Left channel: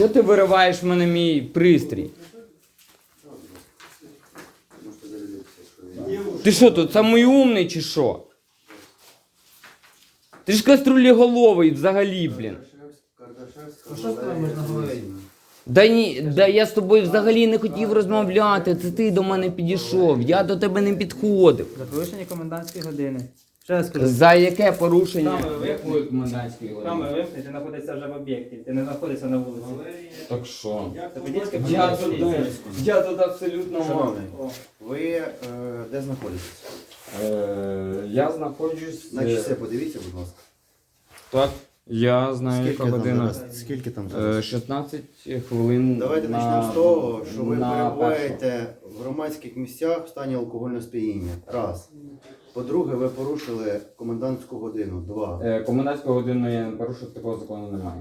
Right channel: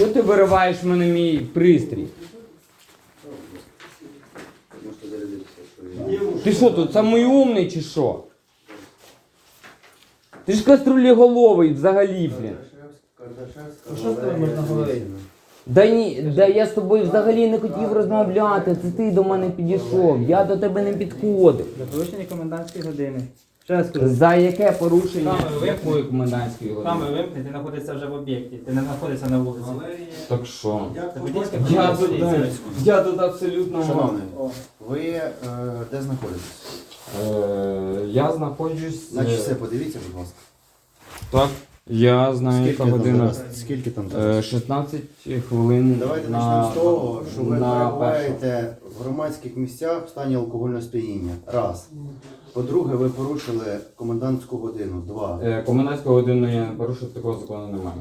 Що ти вириваєш в мене мій пристрій? Ти що тут самий умний чи що? Ти ж каструлеголовий взагалі, блін. Да ні, да я з тобою взагалі не хотів розмовляти. Це ти до мене підійшов. Я до тебе не підходив. Порушення комендантської години. Ще раз кажу. За яке порушення Саме вимкніть. якої комендантської години? саме вимкнуть, ти знаходишся вже в об'єкті, ти не знаходишся на вулиці. Так що? Це водійська Я тут, я тут абсолютно Шановний, О, ви е, де знаходитесь? Е, я знаходжусь. На е, часи подивіться, будь ласка. Так, я знаю, Скільки яка там година. зараз? Скільки там Е, зараз? 16 хвилин. Давайте на- почнемо з того, що ви на перебуваєте в громадських місцях в стані алкогольного сп'яніння. Раз. По-друге, ви порушили комендантську годину. Два. Е, комендантська година я не порушив, такого закону немає.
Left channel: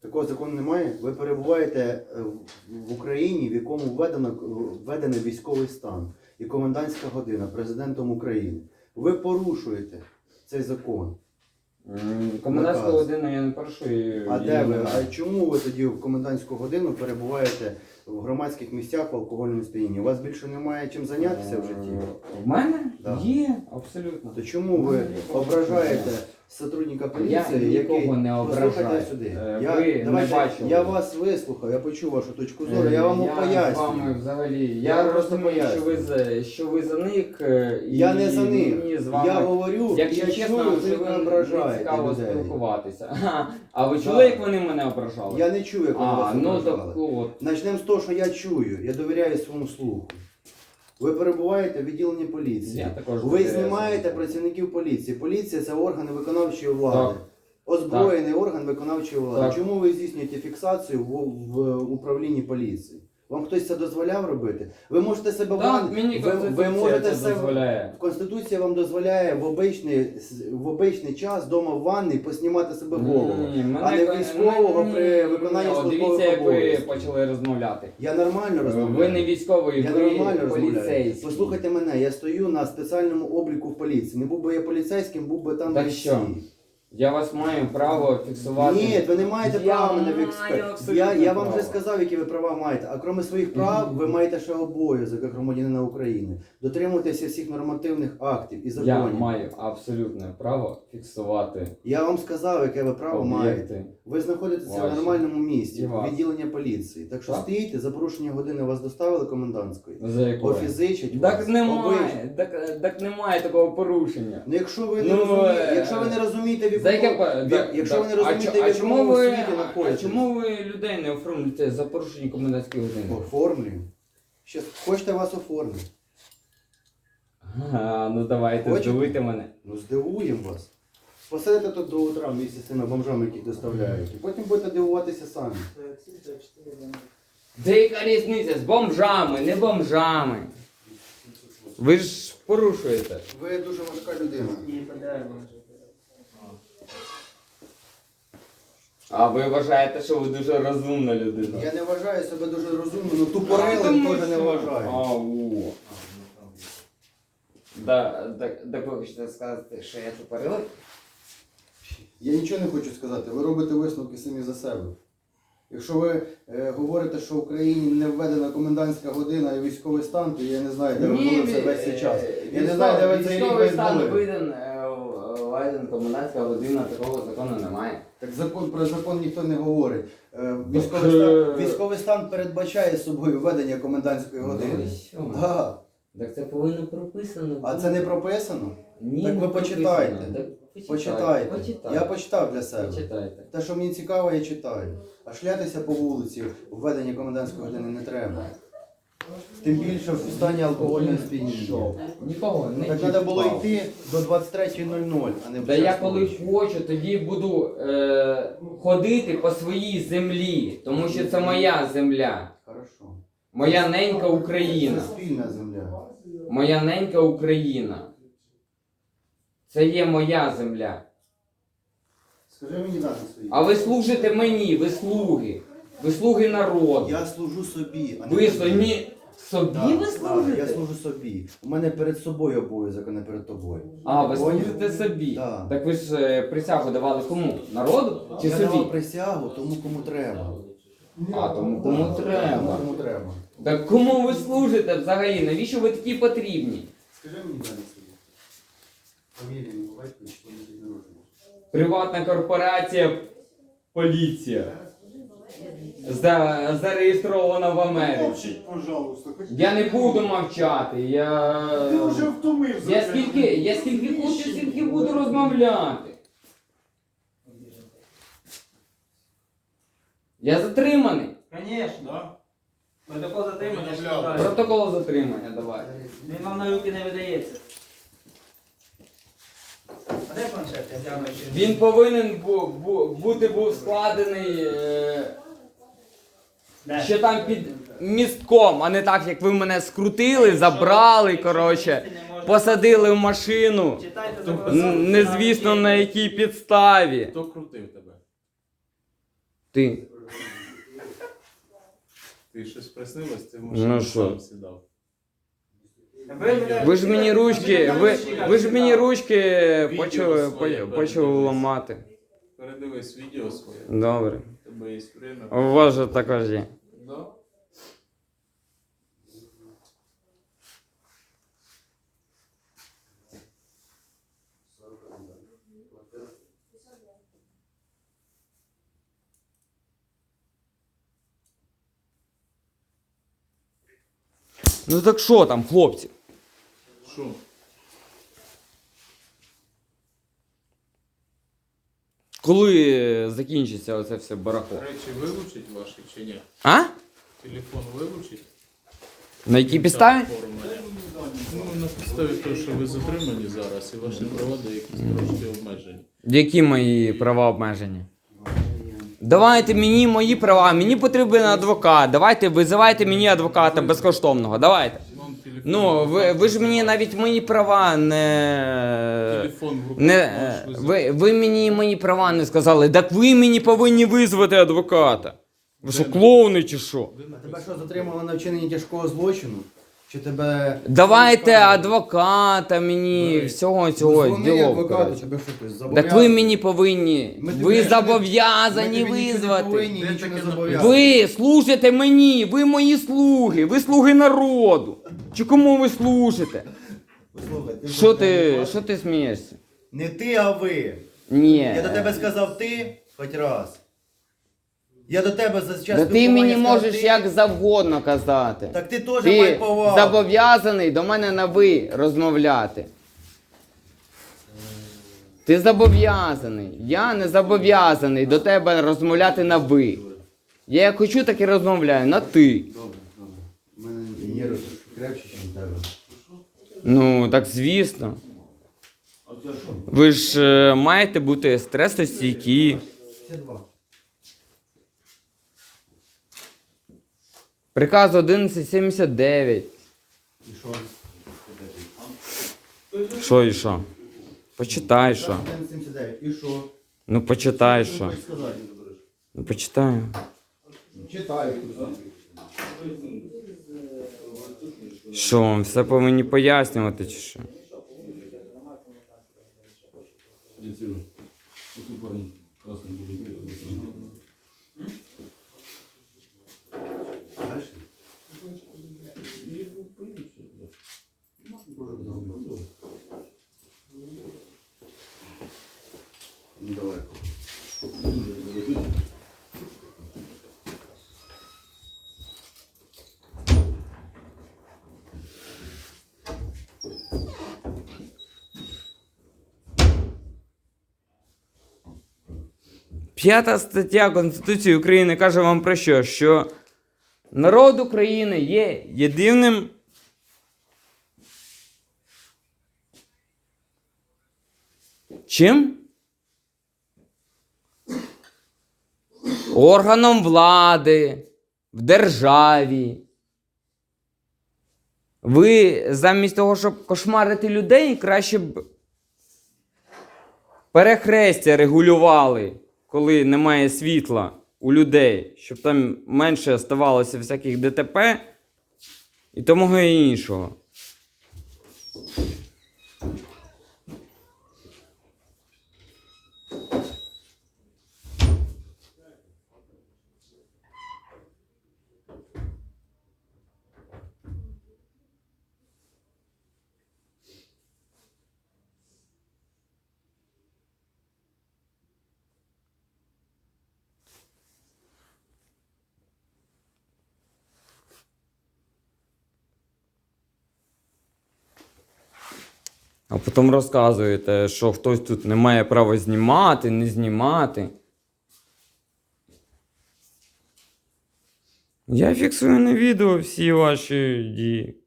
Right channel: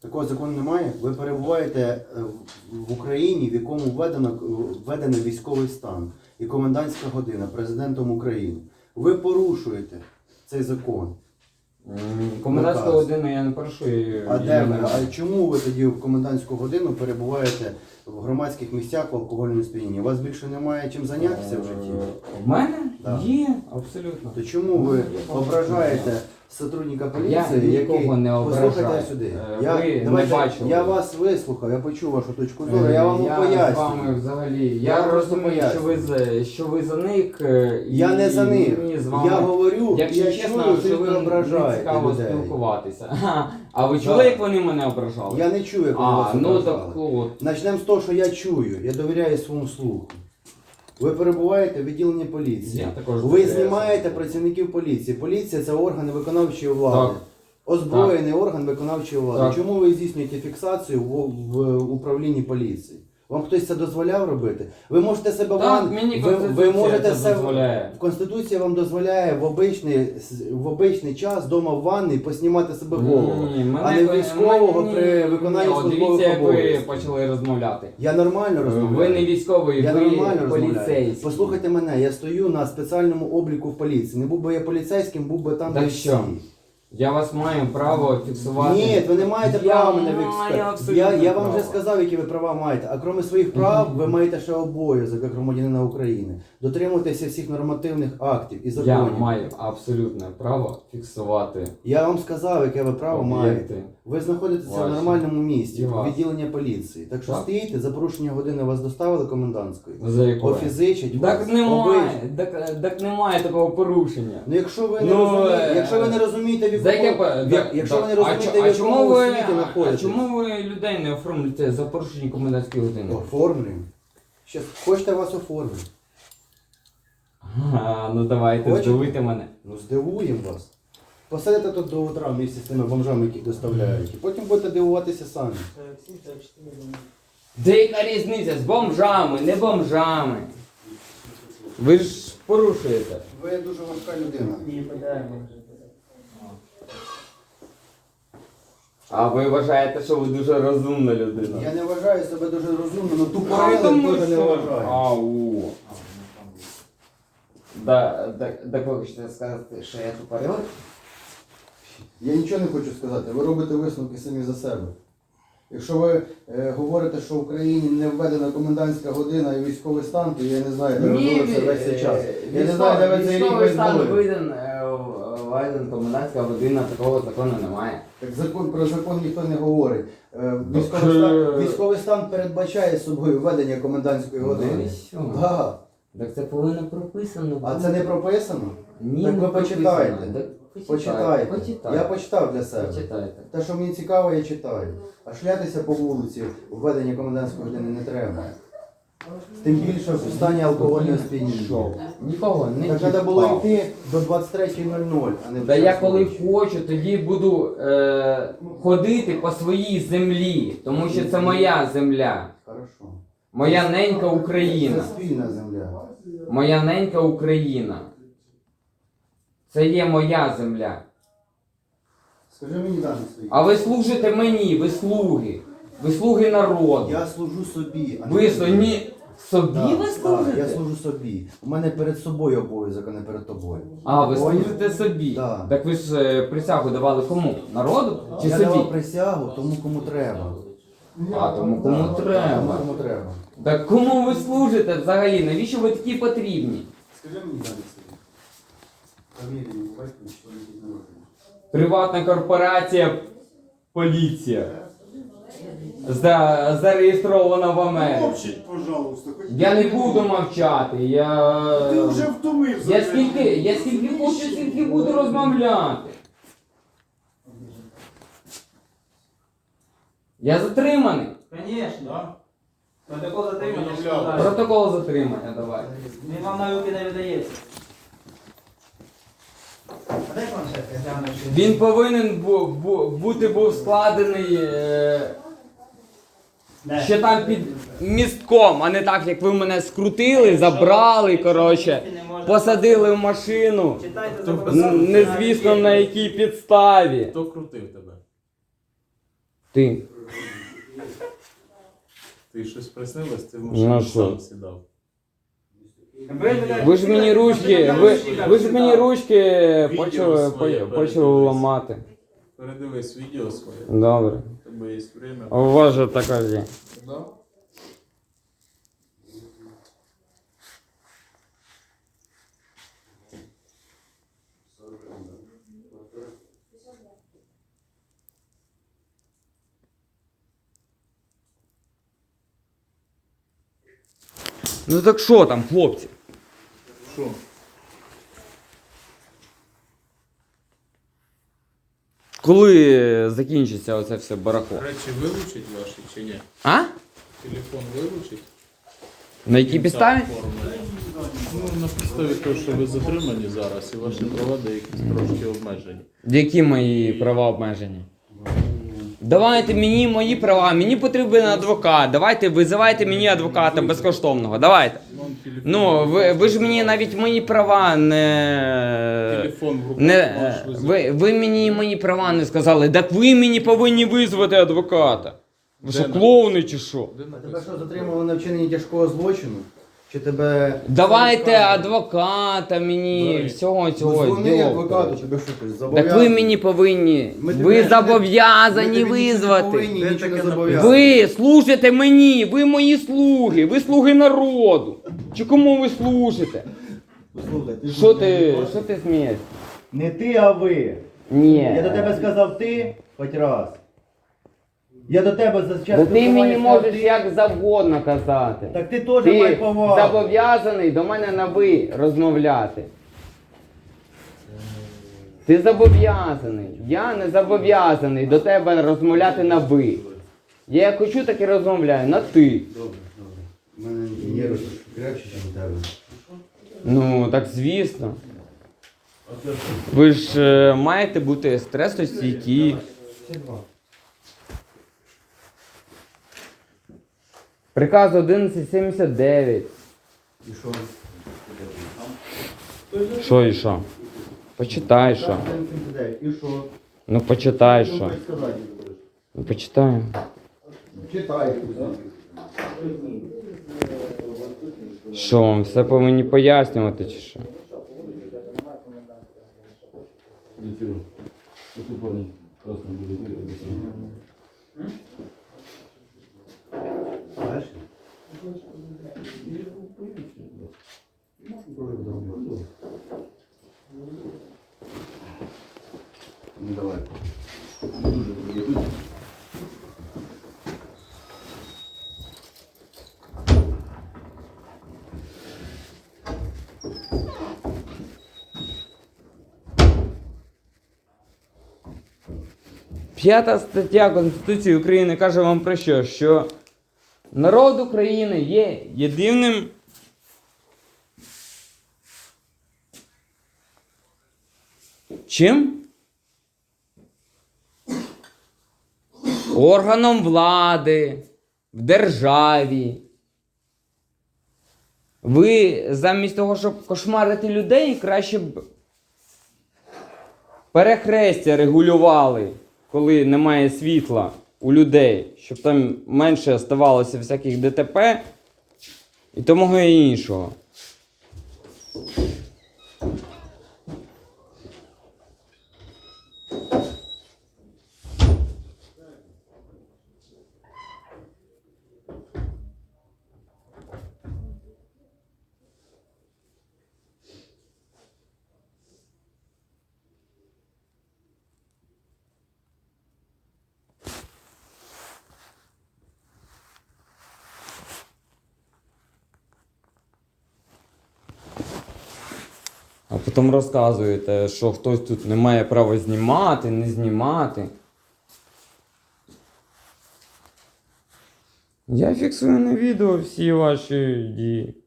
Такого закону немає. Ви перебуваєте е, в- в Україні, в якому введено введений військовий стан і комендантська година президентом України. Ви порушуєте цей закон. Комендантська Наказ. година я не прошу А де ви? А чому ви тоді в комендантську годину перебуваєте в громадських місцях в алкогольному сп'янінні? У вас більше немає чим зайнятися в житті? У В мене? Да. Є, абсолютно. То чому ви ображаєте сотрудника поліції, Я який нікого не Послухайте сюди. Е, Я, ви не давайте, бачили. я вас вислухав, я почув вашу точку зору, я вам Е, Я з пояснюю. вами взагалі. Я Я, просто розумію, що ви за що ви за них. е, і Я не за них. мені з вами. Я говорю, Якщо я чесно, чую, що ви не ображаєте цікаво людей. спілкуватися. А ви чули, як вони мене ображали? Я не чую, як ви а, вас ну ображали. так от. Почнемо з того, що я чую, я довіряю своєму слуху. Ви перебуваєте в відділенні поліції. Я також Ви довіряю знімаєте працівників поліції. Поліція це орган виконавчої влади. Так. Озброєний орган виконавчої влади. Так. Чому ви здійснюєте фіксацію в, в управлінні поліції? Вам хтось це дозволяв робити? Ви можете себе Так, ван- мені ви, ви Конституція можете це себе дозволяє. Конституція вам дозволяє в обичний, в обичний час вдома в ванні поснімати себе голову. Ні, а не військового мені- при виконанні О, службових Дивіться, як ви обов'язків. почали розмовляти. Я нормально розмовляю. Ви не військовий, Я ви нормально розмовляю. поліцейський. Послухайте мене, я стою на спеціальному обліку в поліції. Не був би я поліцейським, був би там Так що? Я вас маю право фіксувати. Ні, ви не маєте Я права мене маю вікспер. абсолютно Я, я вам право. вже сказав, які ви права маєте. А крім своїх прав, ви маєте ще обов'язок як громадянина України. Дотримуйтеся всіх нормативних актів і Я законів. маю абсолютне право фіксувати Я вам сказав, яке ви право маєте. об'єкти. Ви знаходитеся Ваші. в нормальному місці, І вас. відділення поліції. Так що Так. стоїте, за порушення години вас доставили комендантської. За якою? Офізичать Так вас. немає, так, так немає такого порушення. Ну якщо ви не Ну, розумієте, е, якщо ви не розумієте в За яке якому, да- якщо да- ви не а розумієте, чо- в чому якому ви, світі а знаходитесь. чому ви людей не оформлюєте за порушення комендантської години? Оформлюємо. Щас хочете вас оформити. А, ну давайте, Хочете? здивуйте мене. Ну здивуємо вас. Посидите тут до утра в місті з тими бомжами, які доставляють. І потім будете дивуватися самі. Де яка різниця з бомжами, не бомжами? Ви ж порушуєте. Ви дуже важка людина. Ні, подаємо вже. А ви вважаєте, що ви дуже розумна людина. Я не вважаю себе дуже розумним, але Ну, тупорилим дуже не вважаю. Ау. Да, да, так ви хочете сказати, що я тупорилий? Я нічого не хочу сказати, ви робите висновки самі за себе. Якщо ви е, говорите, що в Україні не введена комендантська година і військовий стан, то я не знаю, де ви були все весь цей час. Я не знаю, де ви цей рік Військовий стан були. Е, комендантська година, такого закону немає. Так закон про закон ніхто не говорить. Е, Військовий, Так, стан, е, військовий стан передбачає собою введення комендантської Ну години. що? Да. Так це повинно прописано. А це не прописано? Ні, Так не ви прописано. почитайте. Так Почитайте. Почитайте. Я почитав для себе. Почитайте. Те, що мені цікаво, я читаю. А шлятися по вулиці введення комендантської години не треба. Тим більше в стані алкогольного сп'яніння. Що? Нікого не Так треба було чіпав. йти до 23.00, а не в Та час я коли ночі. хочу, тоді буду е, ходити по своїй землі, тому що це моя земля. Хорошо. Моя ненька Україна. Це спільна земля. Моя ненька Україна. Це є моя земля. Скажи мені дати свої. А ви служите мені, ви слуги. Ви слуги народу. Я служу собі, а не Ви тобі. самі собі Да, ви да, служите? я служу собі. У мене перед собою обов'язок, а не перед тобою. А, ви Поняв? служите собі. Да. Так ви ж е, присягу давали кому? Народу чи я собі? давав присягу тому, кому треба. А тому кому треба. Кому треба. Так кому ви служите взагалі? Навіщо ви такі потрібні? Скажи мені далі собі. Фамілію, батько, що не народження. Приватна корпорація поліція. За, зареєстрована в Америці. Мовчіть, пожалуйста. хоч Я не буду мовчати. Я. Ти вже втомився. Я скільки, я скільки хочу, скільки буду розмовляти. Я затриманий. Звісно. Да? Протокол затримання Протокол затримання, давай. Він вам на руки не видається. А де планшет? Я гляну, чи- Він повинен бу, бу, бути був складений е, ще там під містком, а не так, як ви мене скрутили, забрали, коротше, посадили в машину. Читайте Н- закон. Незвісно на якій підставі. Хто крутив тебе? Ти. Ти щось приснилось, ти в Ну, машину що? сам сідав. Ви ж мені ручки, ви, ви ж мені ручки Відео почали, своє по- почали передивись. ламати. Передивись відео своє. Добре. У тебе є время. У вас же також є. Да? Ну так що там, хлопці? Що? Коли закінчиться оце все барахло? Речі вилучить ваші чи ні? А? Телефон вилучить? На якій підставі? Ну, на підставі того, що ви затримані зараз, і ваші права деякі трошки обмежені. Які мої права обмежені? Давайте мені мої права, мені потрібен адвокат. Давайте визивайте мені адвоката безкоштовного. Давайте. Телефон, Ну, ви, ви ж мені навіть мої права не. телефон в руках не можеш визвати. ви, ви мені мої права не сказали. Так ви мені повинні визвати адвоката. Ви що, Де клоуни чи що? Де Тебе написано? що затримали на вчиненні тяжкого злочину? Чи тебе. Давайте адвоката мені, Давай. всього цього. Дзвони діло, адвокату, коротше. тебе що хтось Так ви мені повинні. Ми тебе Ви не- зобов'язані визвати. Ви служите мені, ви мої слуги, ви слуги народу. Чи кому ви служите? Слухай, ти Що ти, що ти смієшся? Не ти, а ви. Ні. Я до тебе сказав ти хоч раз. Я до тебе за час Та ти спілкування мені сказав можеш ти. як завгодно казати. Так ти теж май Ти повагу. зобов'язаний до мене на ви розмовляти. Ти зобов'язаний. Я не зобов'язаний до тебе розмовляти на ви. Я як хочу, так і розмовляю на ти. Добре, добре. У мене нерви крепче, ніж у тебе. Ну, так звісно. Ви ж е, маєте бути стресостійкі. Приказ 1179. І що? Що і що? Почитай що. 79. І що? Ну почитай Що що. хочеш сказати? Ну почитай. Читай. Що, вам все повинні пояснювати чи що? Знаєш? П'ята стаття Конституції України каже вам про що? Що народ України є єдиним. Чим? Органом влади в державі. Ви замість того, щоб кошмарити людей, краще б перехрестя регулювали, коли немає світла у людей, щоб там менше ставалося всяких ДТП і тому і іншого. А потім розказуєте, що хтось тут не має права знімати, не знімати. Я фіксую на відео всі ваші дії.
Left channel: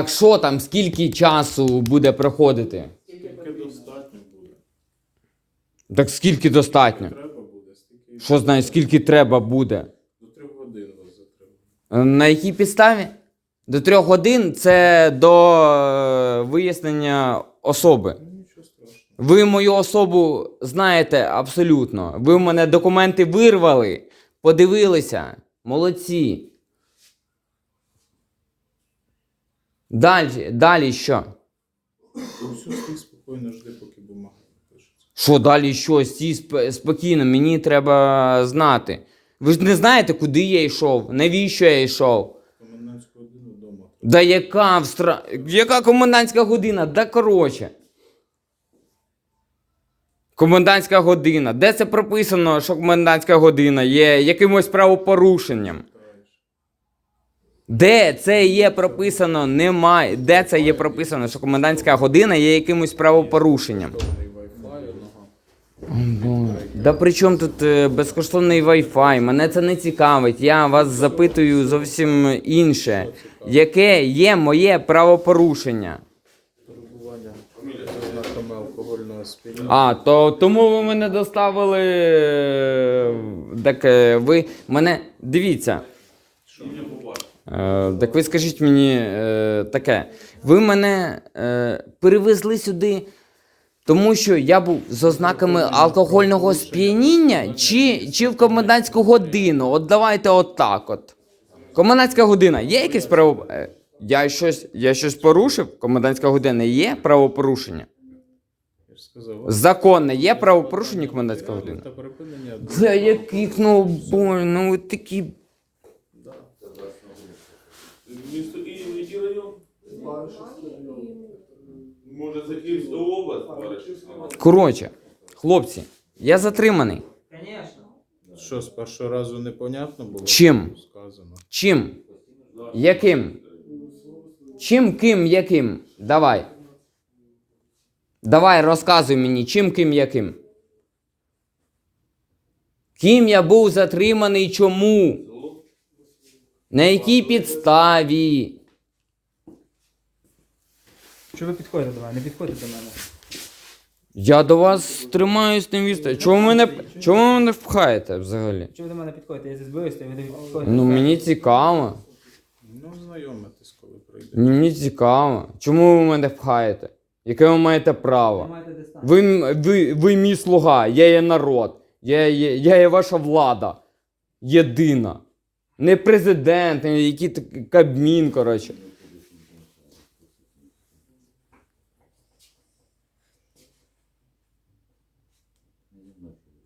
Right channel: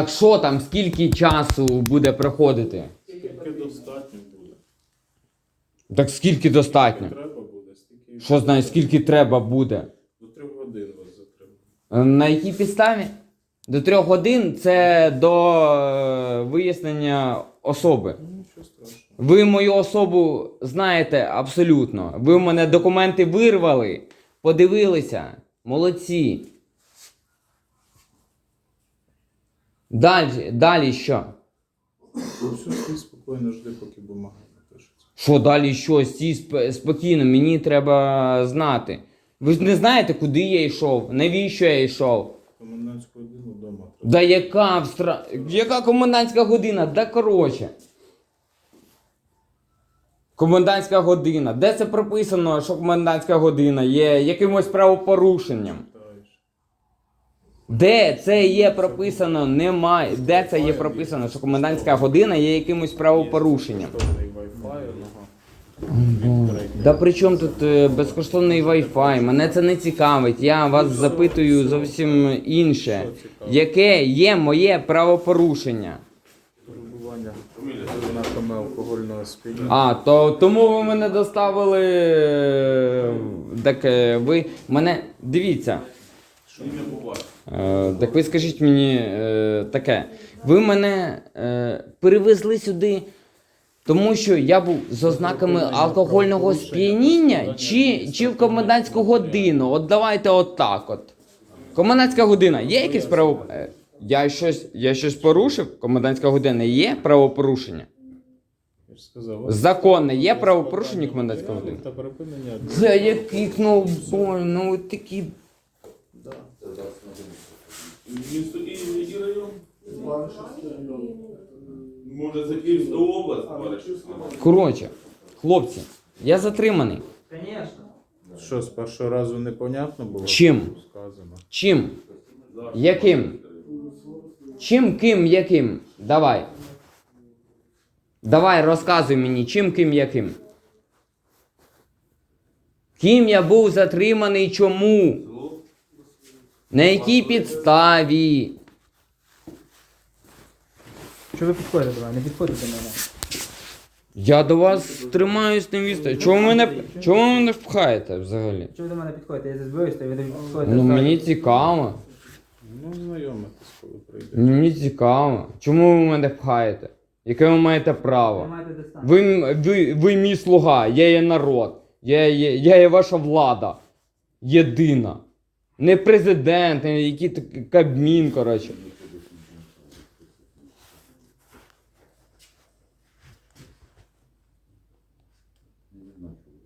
Так що там, скільки часу буде проходити? Скільки достатньо буде? Так скільки достатньо? Треба буде, стільки Що знає, скільки треба буде? до трьох годин вас затримує. На якій підставі? До трьох годин це до е, вияснення особи. Ну нічого страшного. Ви мою особу знаєте абсолютно. Ви в мене документи вирвали, подивилися. Молодці. Далі, далі що? Все, спокійно жди, поки бумага напишеться. Що далі що? Стій сп- спокійно, мені треба знати. Ви ж не знаєте, куди я йшов, навіщо я йшов. Комендантську годину вдома. Да яка встра... яка комендантська година? Да коротше. Комендантська година. Де це прописано, що комендантська година є якимось правопорушенням? Де це є прописано? Немає. Де це є прописано, що комендантська година є якимось правопорушенням? Да при чому тут е, безкоштовний Wi-Fi? Мене це не цікавить. Я вас запитую зовсім інше. Яке є моє правопорушення? Перебування. А, то тому ви мене доставили. е, Так е, ви мене. Дивіться. Е, так ви скажіть мені е, таке. Ви мене е, перевезли сюди, тому що я був з ознаками алкогольного сп'яніння чи, чи в комендантську годину. От давайте отак от. Комендантська година є якесь право. е, Я щось, я щось порушив? Комендантська година є правопорушення? Законне є правопорушення комендантська година? Та припинення. Це яких ну ну ви такі. Місто Київ, який район? Може, це Київська область? Баришівська? Коротше, хлопці, я затриманий. Звісно. Що, з першого разу непонятно було? Чим? Сказано. Чим? Яким? Чим, ким, яким? Давай. Давай, розказуй мені, чим, ким, яким. Ким я був затриманий, чому? На якій підставі? Що ви підходите до мене? Не підходите до мене. Я до вас тримаюсь на відстані. Чому ви мене, чому ви мене впхаєте взагалі? Що ви до мене підходите? Я збиваюся, ви до мене підходите. Ну мені цікаво. Ну, знайомитись, коли прийде. Мені цікаво. Чому ви мене пхаєте? Яке ви маєте Ви право? маєте дистанцію. Ви, м- ви, ви мій слуга, я є народ, я є, я є ваша влада. Єдина. Не президент, не який кабмін, коротше.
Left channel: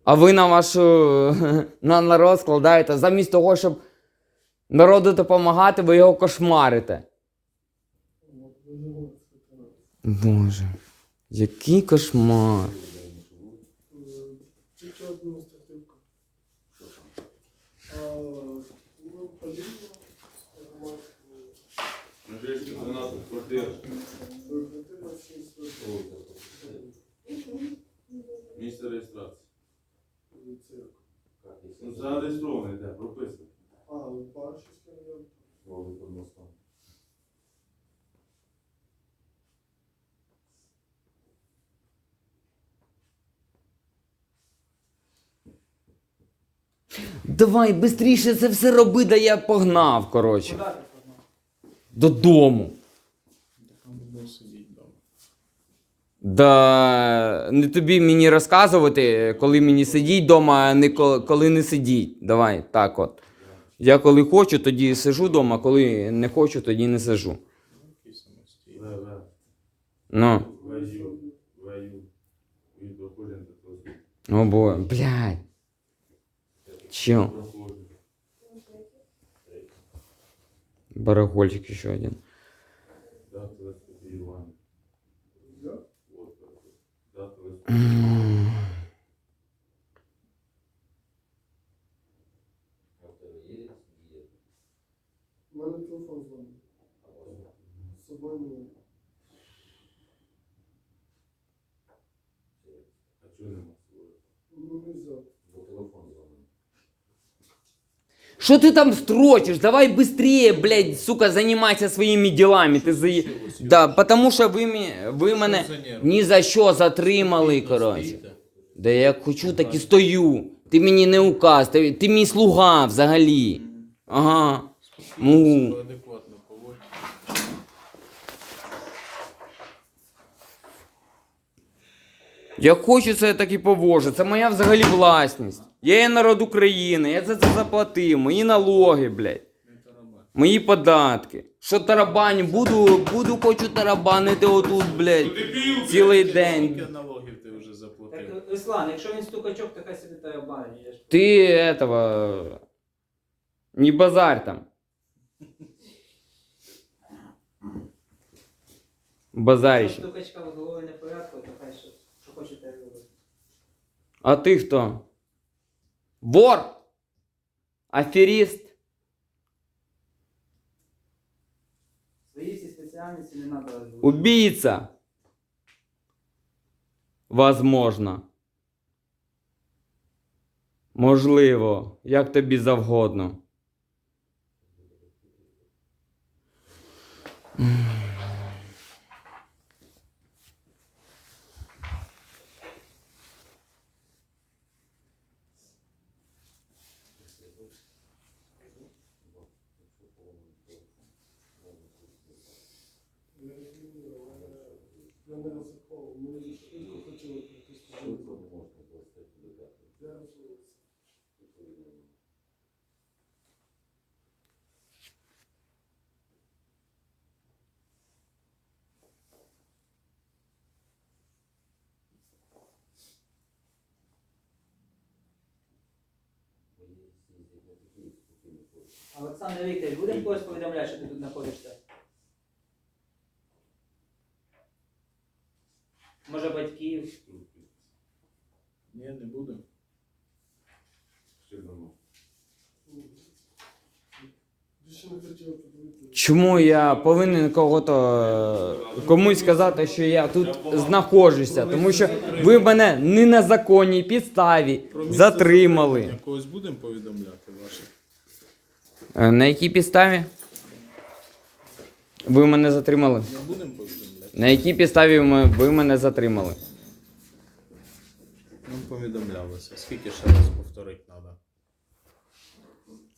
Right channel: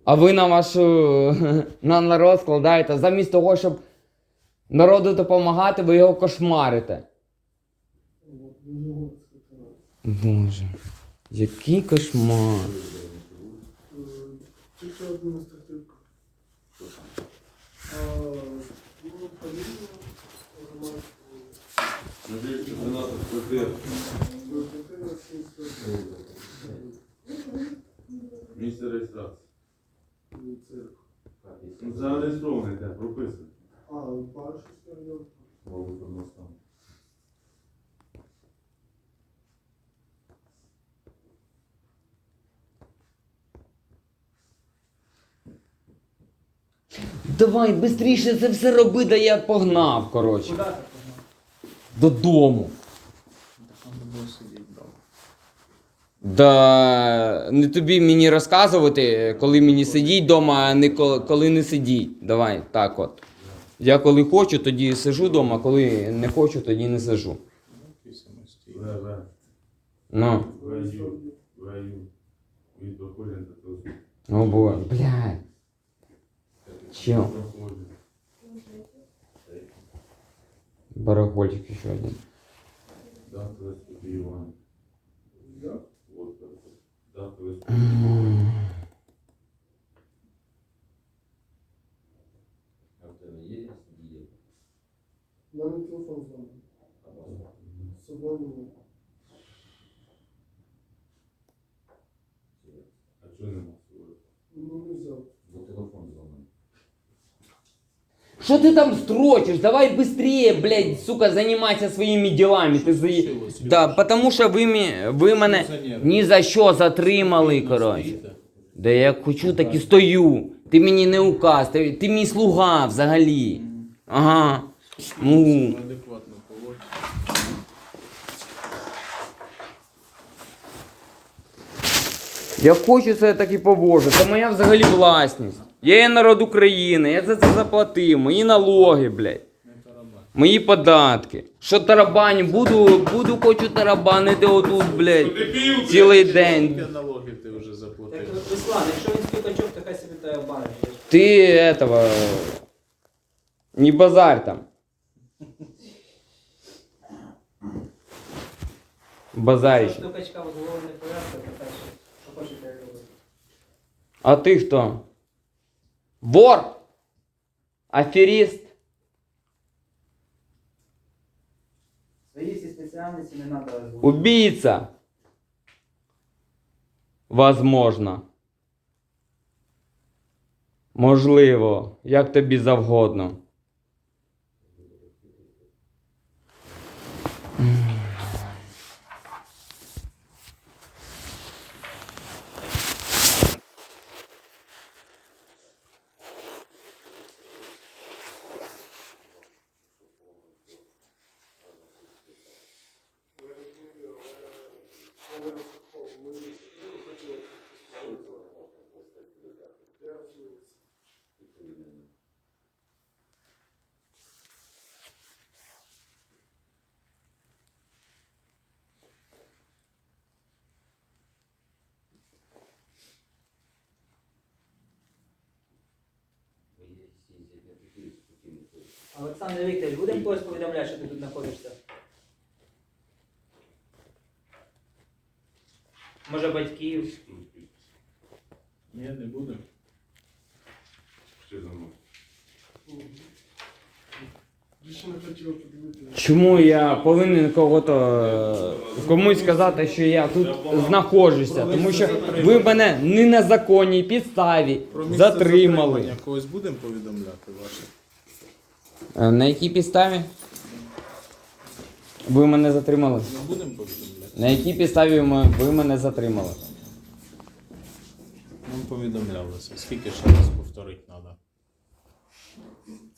А ви на вашу на народ складаєте, замість того, щоб народу допомагати, ви його кошмарите. Боже, який кошмар. Надіюсь, 13 квартир. Місце реєстрації. Ну, зареєстрований, де, прописаний. Давай швидше це все роби, да я погнав, коротше. Додому. Да не тобі мені розказувати, коли мені сидіть вдома, а не ко- коли не сидіть. Давай, так от. Я коли хочу, тоді сижу вдома, коли не хочу, тоді не сижу. Ну, о бо, блядь. Чо? Барахольчик еще один. Дата виступівання. Вот так. Дата М. виступівання. У мене телефон дзвонить. З собою немає. А чого нема свого? Ну, не взяв. Что ты там строчишь? Давай быстрее, блядь, сука, занимайся своими делами. Ты за... Случилось, Да, Юрій? потому що ви, мі- ви мене Пенсіонер. ні за що затримали, Спокійно коротше. стоїте? Да як хочу, так і стою. Ти мені не указ, ти, ти мій слуга взагалі. Ага. Ну. Я хочу це я так і повожу. Це моя взагалі власність. Я є народ України, я за це заплатив. Мої налоги, блядь. Мої податки. Що тарабаню, буду, буду хочу тарабанити отут, блядь. Цілий Скільки день. налогів ти вже Так. Руслан, якщо він стукачок, то хай собі той обманює. Ти этого. Не базарь там. Базаріще. Стукачка в голові не то що, робити. А ти хто? Вор? Аферіст? Свої всі спеціальності не треба озвучувати. Убийца? Возможно. Можливо, як тобі завгодно. Олександр Вікторович, будемо когось повідомляти, що ти тут знаходишся? Може батьків? Ні, не подивитися. Чому я повинен кого-то комусь сказати, що я тут знаходжуся? Тому що ви мене не на законній підставі затримали. Когось будемо повідомляти ваше? Е, На якій підставі? Ви мене затримали? Будемо повідомляти? На якій підставі ми- ви мене затримали? Нам повідомлялося. Скільки ще раз повторити треба?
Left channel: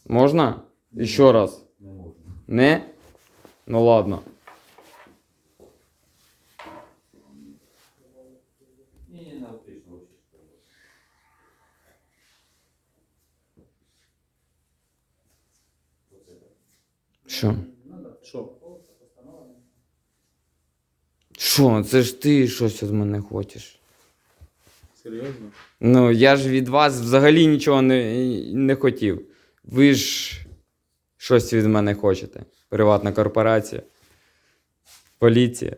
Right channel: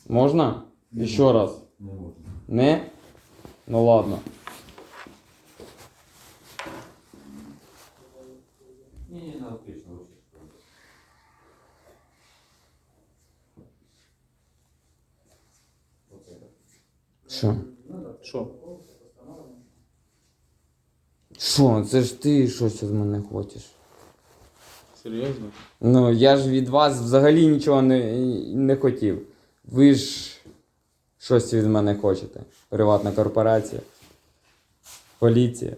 Можна? Ще раз. Не? Ну ладно. Що? Що? Що? Це ж ти щось від мене хочеш. Серйозно? Ну, я ж від вас взагалі нічого не, не хотів. Ви ж щось від мене хочете. Приватна корпорація. Поліція.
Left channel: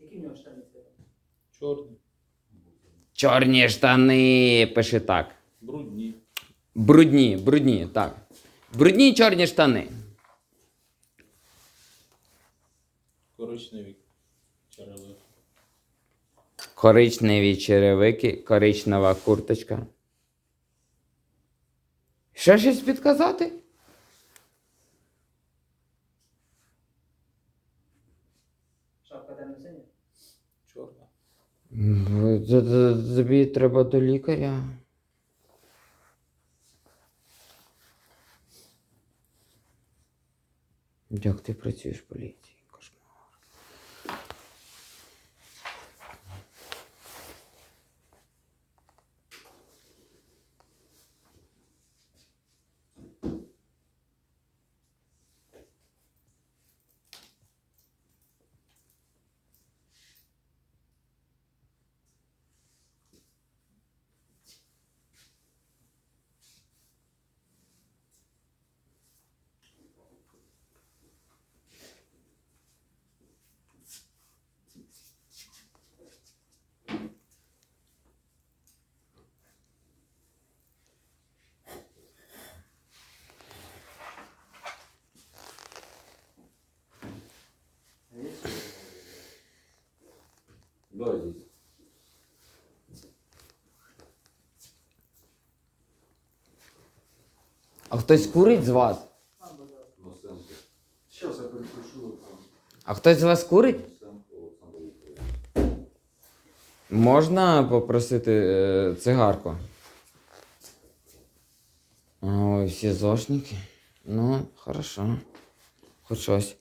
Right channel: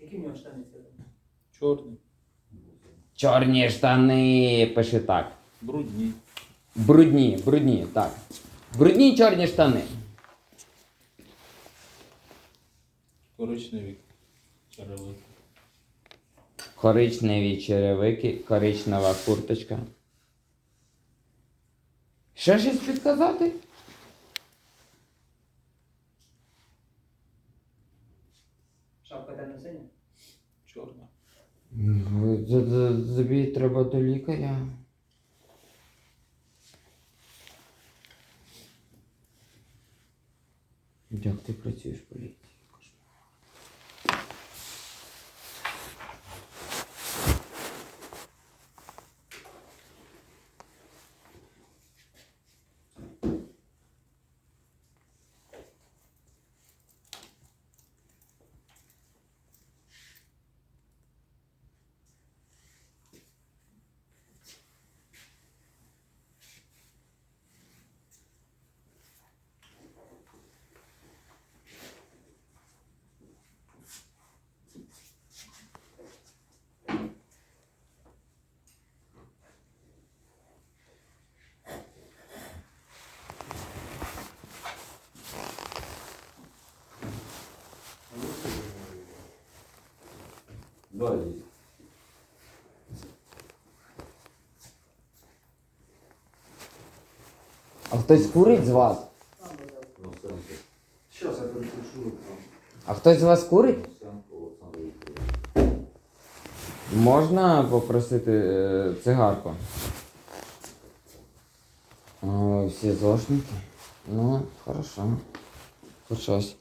Які в нього штани сьогодні? Чорний. Чорні штани, пиши так. Брудні. Брудні, брудні, так. Брудні чорні штани. Коричневі черевики. Коричневі черевики, коричнева курточка. Ще щось підказати? Шапка темно синя? Чорна. Тобі треба до лікаря. Як ти працюєш поліції? Да. А хтось курить з вас? Зараз я перепишу. А хтось з вас курить? Можна попросити е, цигарку? Ой, всі зошники. Ну, хорошо. Хоч щось.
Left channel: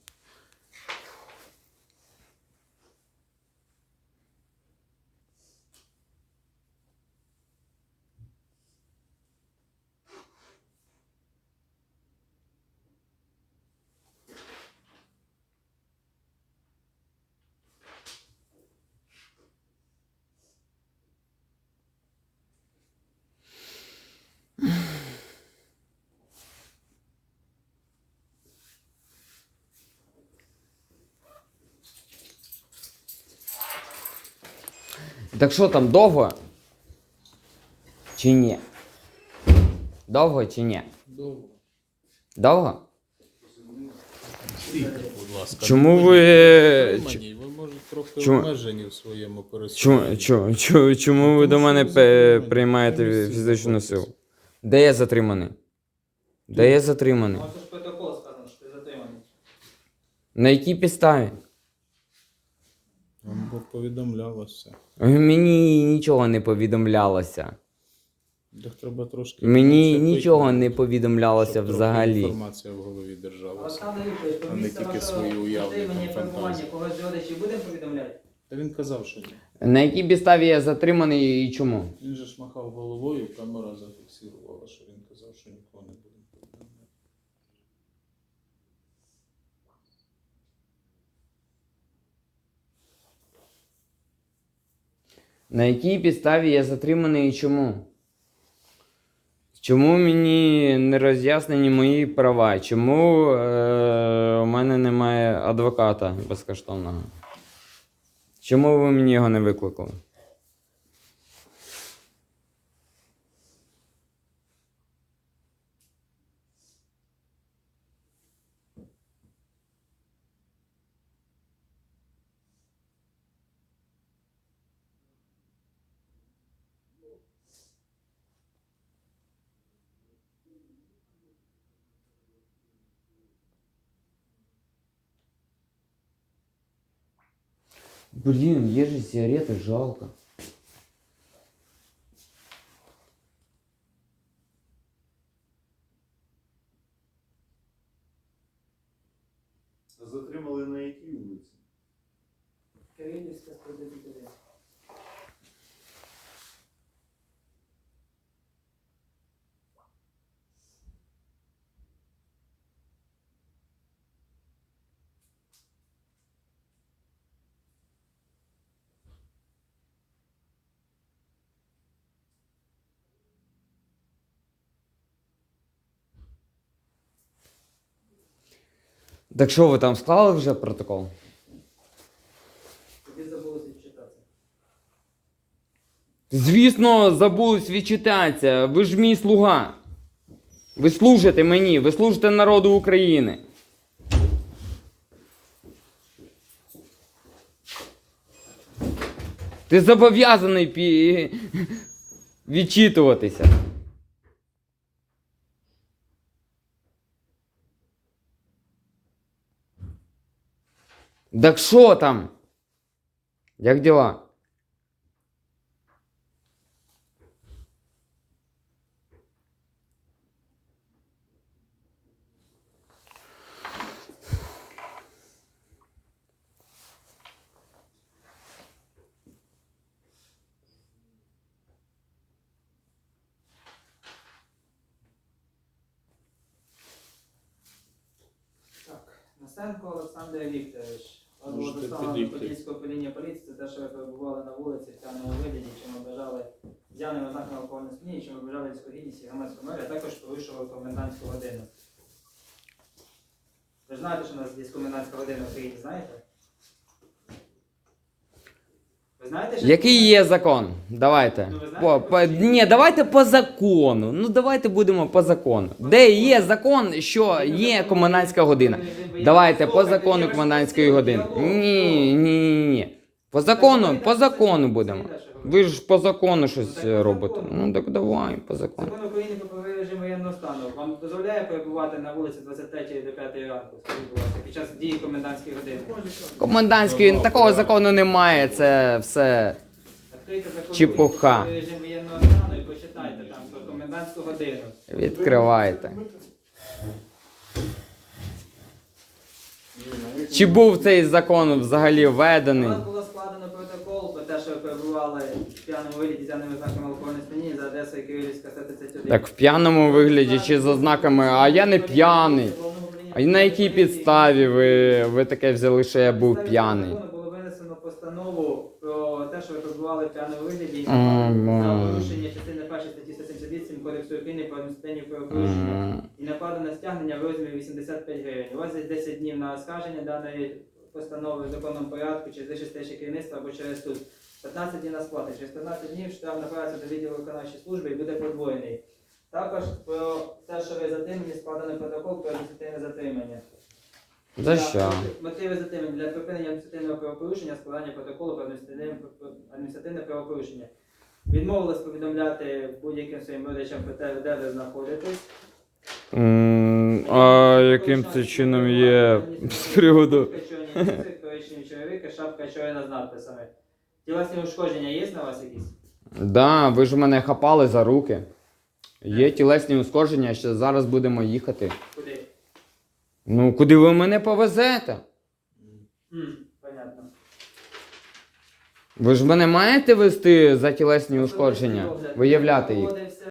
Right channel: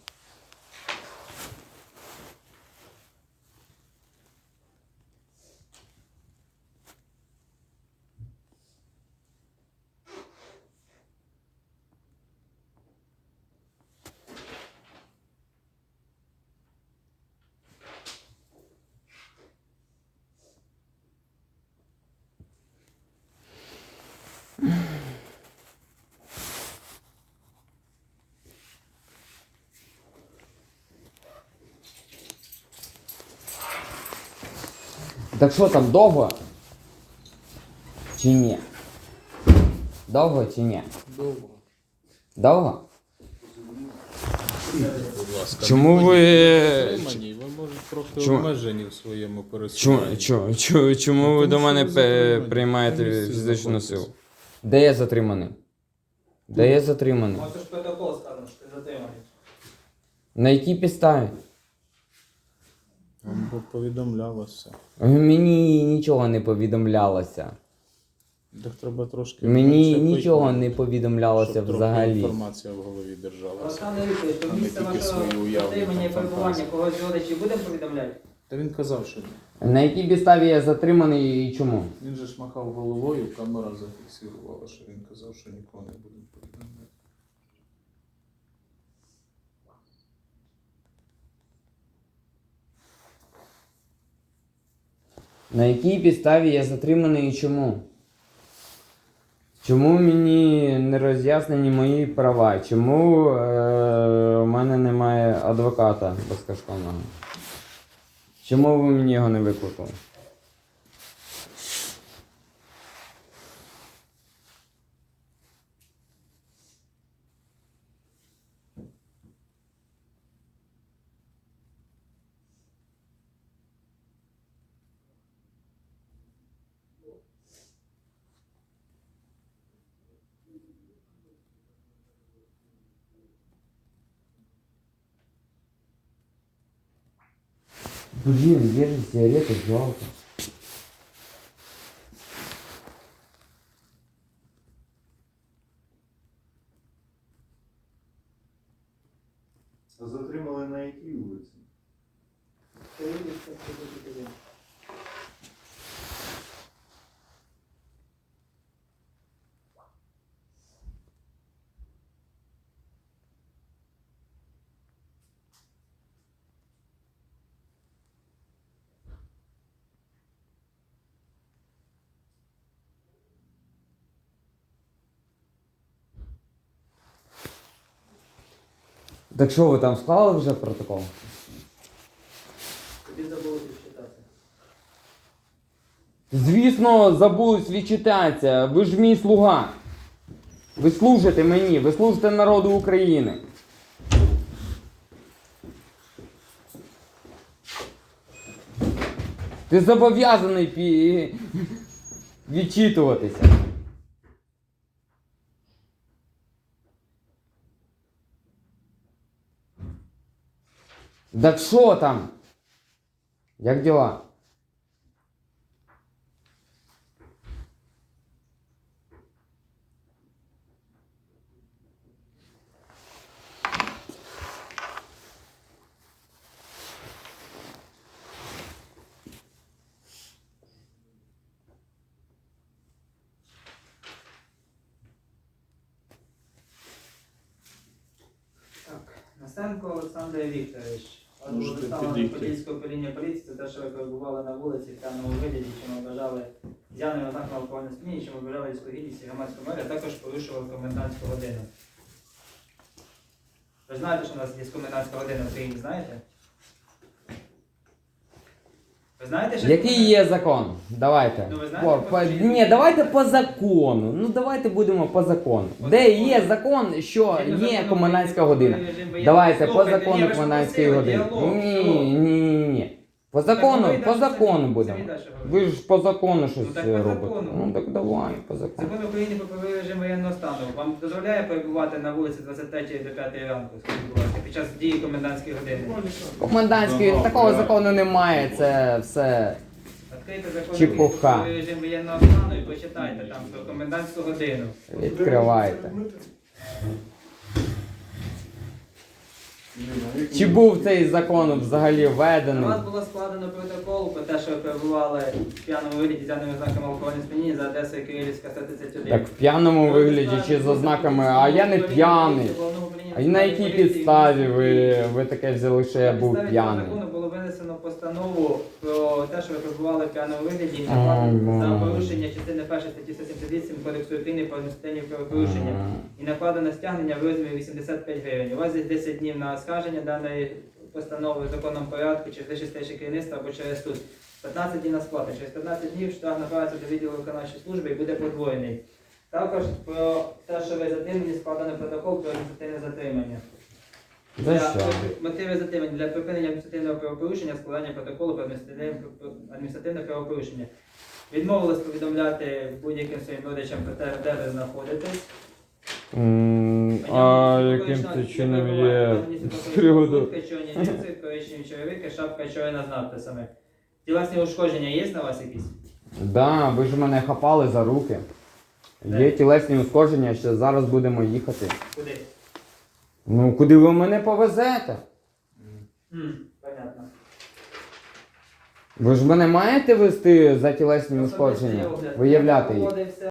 Так що там довго? Чи ні? Довго чи ні? Довго. Довго? Будь ласка. Чому ви- будьте Ви можете трохи Чому- обмежені в своєму Чому, пересуванні. чому, чому, чому ви Тому до що мене ви пе- затримані. приймаєте фізичну знаходитесь. силу? Де я затриманий? Де я затриманий? Ж протокол сказано, що ти затриманий. На якій підставі? Вам би повідомляв вас все. Мені нічого не повідомлялося. Так треба трошки. Мені щоб нічого вийти, не повідомлялося щоб взагалі. Інформація в голові держалася. А не тільки свої уявлення, когось родичів будемо повідомляти? Та він казав, що ні. На якій підставі я затриманий і чому? Він же ж махав головою, камера зафіксувала, що він казав, що нікого не буде На якій підставі я затриманий і чому? Чому мені не роз'яснені мої права? Чому е, у мене немає адвоката безкоштовного? Чому ви мені його не викликали? Блин, где же сигарета, жалко. Так що ви там склали вже протокол? Тобі забули підчитати. Звісно, забулись відчитатися. Ви ж мій слуга. Ви служите мені, ви служите народу України. Ти зобов'язаний пі... відчитуватися. Так що там? Як діла? Насенко Олександр Вікторович. Було Можете доставлено підійти. управління поліції це те, що ви перебували на вулиці в темному вигляді, чим вважали з'явним ознаком алкогольного сп'яніння, чим вважали військову гідність і громадську мер, а також порушували комендантську годину. Ви знаєте, що у нас є комендантська година в Україні, знаєте? Знаєте, що Який є закон? Давайте. Ну, ви знаєте, По, по, по- ні, давайте по закону. Ну давайте будемо по закону. Де є закон, що є комендантська година? Давайте по закону комендантської години. Ні, ні, ні, ні. По закону, по закону будемо. Ви ж по закону щось Ну, так по е, робите. закону. Ну так давай, по закону. Закон України про правовий режим воєнного стану вам дозволяє перебувати на вулиці 23 до 5 ранку, скажіть, будь ласка, під час дії комендантської години. Комендантський такого закону немає, це все. Відкрийте закон Чепуха. України про правовий режим воєнного стану і почитайте там про комендантську годину. Відкривайте. Чи був цей закон взагалі У введений? вас було складено протокол про те, що ви перебували в п'яному вигляді з даними ознаками алкогольної сп'яніння за адресою Кирилівська 131. Так в п'яному вигляді чи з ознаками, а я не п'яний. А на якій підставі ви, ви таке взяли, що я був п'яний? Постанову про те, що ви перебували в п'яному вигляді за порушення частини 1 статті 178 Кодексу України про адміністративні правопорушення і накладено стягнення в розмірі 85 гривень. У вас є 10 днів на оскарження даної постанови в законному порядку через вищестейше керівництво або через суд. 15 днів на сплату. Через 15 днів штраф направиться до відділу виконавчої служби і буде подвоєний. Також про те, що ви затримані, складено протокол про адміністративне затримання. За Для що? Мотиви затримання для припинення адміністративного правопорушення, складання протоколу про адміністративне, адміністративне правопорушення. Відмовились повідомляти будь-яким своїм родичам про те, де ви знаходитесь. М, А яким це чином є з приводу? Коричневі шапка чорна з надписами. Тілесні ушкодження є на вас якісь? Да, ви ж мене хапали за руки. Є тілесні ушкодження, ще зараз будемо їхати. Куди? Ну, куди ви мене повезете? Понятно. Ви ж мене маєте вести за тілесні ушкодження? Виявляти їх.